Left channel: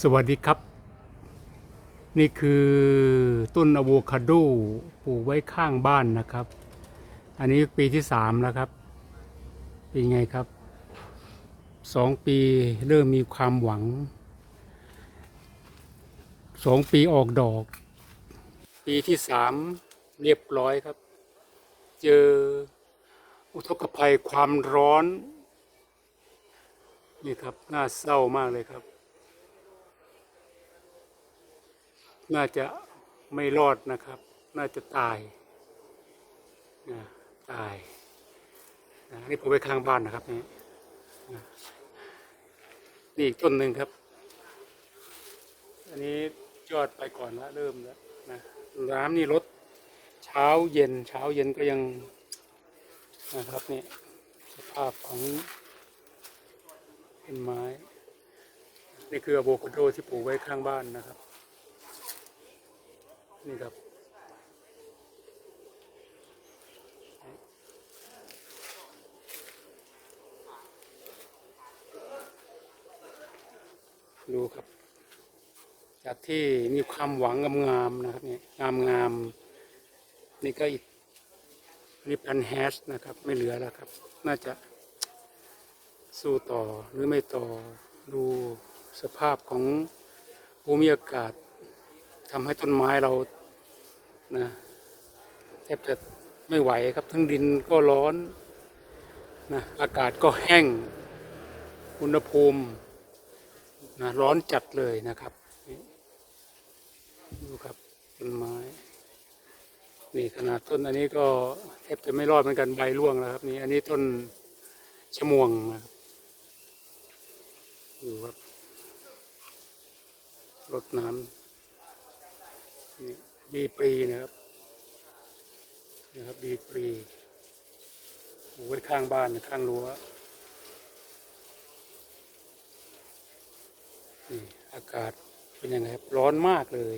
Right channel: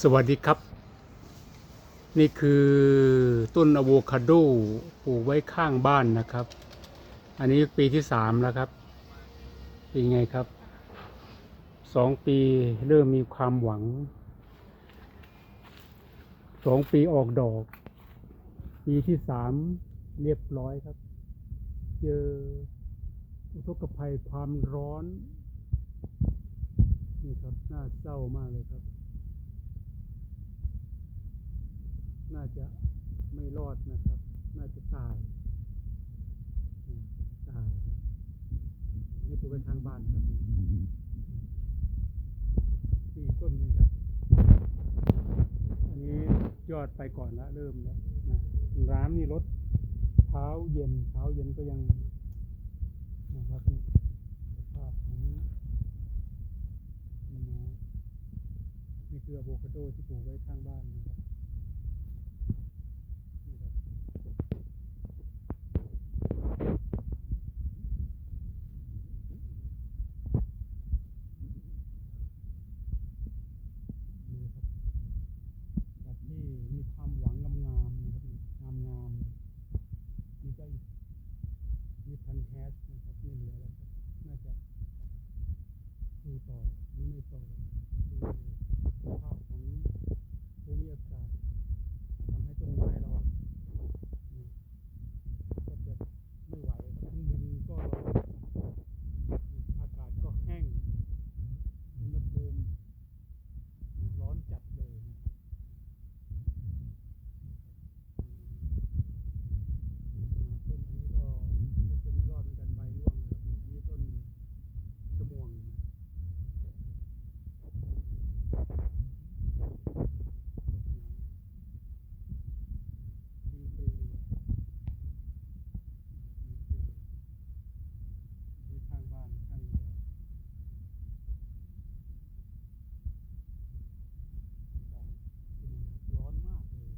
สวัสดีครับ นี่คือต้นอะโวคาโดปลูกไว้ข้างบ้านนะครับ อันนี้ปีที่สามแล้วครับเป็นไงครับสองปีเริ่มมีความหวังสองปีออกดอก ปีที่สามเรียบร้อยครับ เจออุทกภัยความร้อน นี่ครับ น่าเศร้ามากเลยครับ น่าจะไม่รอดนะครับ น่าจะตายนะตายนะนี่ผมไปข้างบ้านนะครับนี่นี่อีกต้นหนึ่งครับ อันนี้ยอดไปก่อนละเริ่มแล้วนะน้ำนี่ลดเช้าเย็นเช้าเย็นก็ยังนะครับนี่สภาพของต้นไม้ นี่คืออะโวคาโดที่ปลูกไว้ข้างบ้านนะครับ นี่ครับ ดู ครับ จากที่มีความหวังงามๆนะครับนี่งามงามนี่ก็อีกนี่พันแฮชนะครับ ไม่เหลือแล้วครับ น่าจะสู้ต่อหรือไม่ต่อดูสภาพของภูมิอากาศทำให้ต้นไม้เรานะแทบจะไม่ไหวครับทั้งดินก็ร้อนนะอากาศก็แห้ง อุณหภูมิ ร้อนจัดเลยนะครับ ดูครับต้นไม้นี่ขนาดต้นอันนี้ก็แทบจะไม่รอดเหมือนกันใบร่วงแล้วครับนี่อันนี้ต้นชะมวงนะดูครับรดน้ำนี่บีปรีนะครับนะครับบีปรีไว้ข้างบ้านข้างรั้วนี่อากาศ เป็นยังไงครับร้อนมากเลย